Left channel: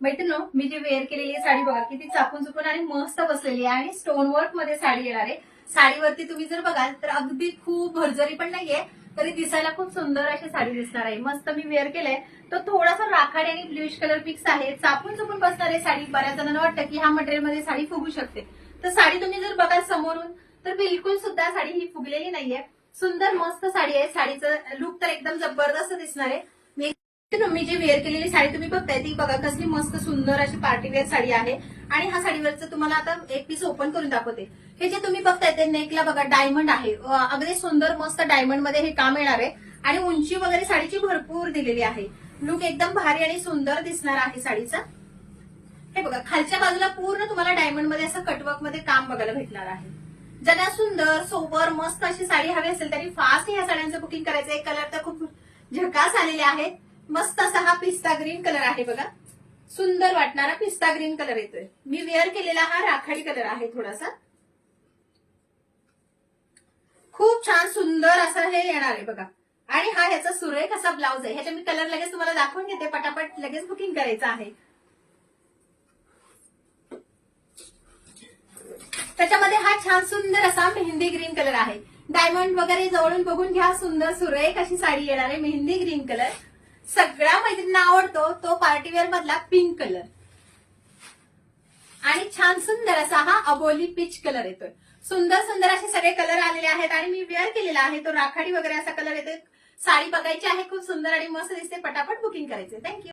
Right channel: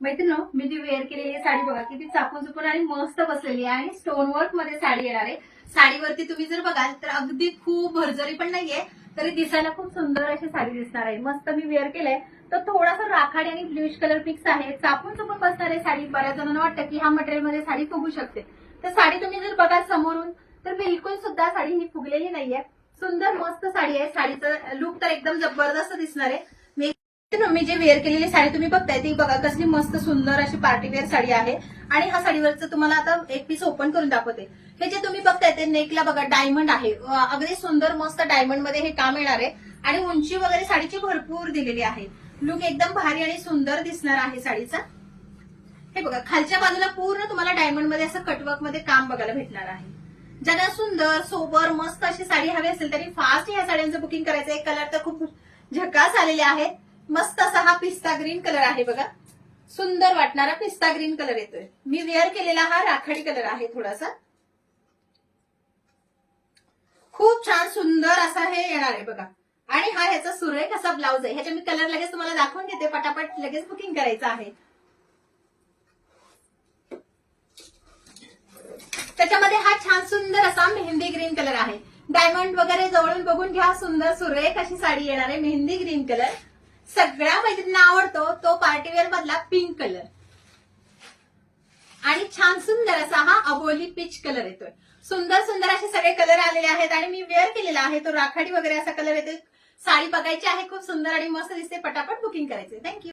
मैत्रिणी, मी जी वेअर केलेली साडी बघा किती चापून चुपून आणि मस्त बसलेली आहे आणि स्टोन वर्क मध्ये साडी येणार आहे. साडीवरती तुम्ही जर बघाल तर अगदी खूप भरजरी पण नाहीये, तरी दिसायला खूप सुंदर अशी साडी दिसणार आहे. मस्त मी वेअर केलंय तर थोडासा राखाडी आणि ब्ल्यूश कलर फिक्स आहे. चापून चुपून बसणार आहे साडी. बऱ्याच जणांना वाटतं की ह्या मटेरियल मध्ये साडी फुगू शकते, तर साडी तुम्ही जर बघाल समोरून तर बिलकुल सुद्धा साडी ही फुगलेली नाहीये. सुंदर मस्त साडी आहे. साडीचं लुक तर एकदम जबरदस्त दिसणार आहे. मी जे वेअर केलेली साडी तुम्ही बघताय ती बघा कसली मस्त सुंदर अशी पार्टीवेअर साडी आहे. आणि ह्या साडीवरचं तुम्हाला आता एक पीस ओपन करून दाखवते. हे जे तुम्ही बघताय ते नेकला बघा डायमंड आहे. अगदी सुंदर मस्त डायमंड मध्ये हे काम येणार आहे आणि उंची वगैरे साडीची भरपूर दिलेली आहे. लुक एकदम भारी आणि सुंदर दिसणार आहे साडीचा. हे बघा खालच्या बाजूला पूर्ण तुम्हाला डायमंड मध्ये असं कटवर्क मध्ये काम बघायला भेटणार आहे. ज्यांना सुंदर सोबर मस्त अशी साडी हवी असेल तरी फास्ट ह्या साड्यांचं बुकिंग करायचं आहे. कलर तर खूप झकास आलेले आहे. मस्त असा हा पिस्ता ग्रीन कलर आहे बघा. सुंदर वाटणारा पिस्ता ग्रीन कलर येतोय. मी वेअर केलेला हा राखाडी कलर आहे थोडासा. खूप छान सुंदर असा हे येणार आहे बघा. आणि हा ह्याचा सुरेख असा ब्लाऊज आहे. ह्याच्या मी कलर लगेच तुम्हाला दाखवून घेते. पटापट लगेच बुकिंग करायचं आहे. त्याच्यामध्ये हा छान सुंदर असा मेहंदी ग्रीन कलर आहे. डायमंड वगैरे जवळून बघून घ्या. सुंदर सुरेख अशी साडी येणार आहे. मेहंदी ग्रीन कलर सगळ्या मैत्रिणींना आवडतो तो पार्टीवेअर मधला पिंक कलर. आणि छान सुंदर असा हा अबोली पीच कलर येतोय. सुंदर सुंदर असे सगळे कलर आलेले आहेत आणि मी वेअर केलेला आहे तो राखाडी वगैरे असा कलर येतोय. साडी बघायची आहे. खूप सुंदर आणि मस्त दिसते. पटापट बुकिंग करायचे. थँक्यू.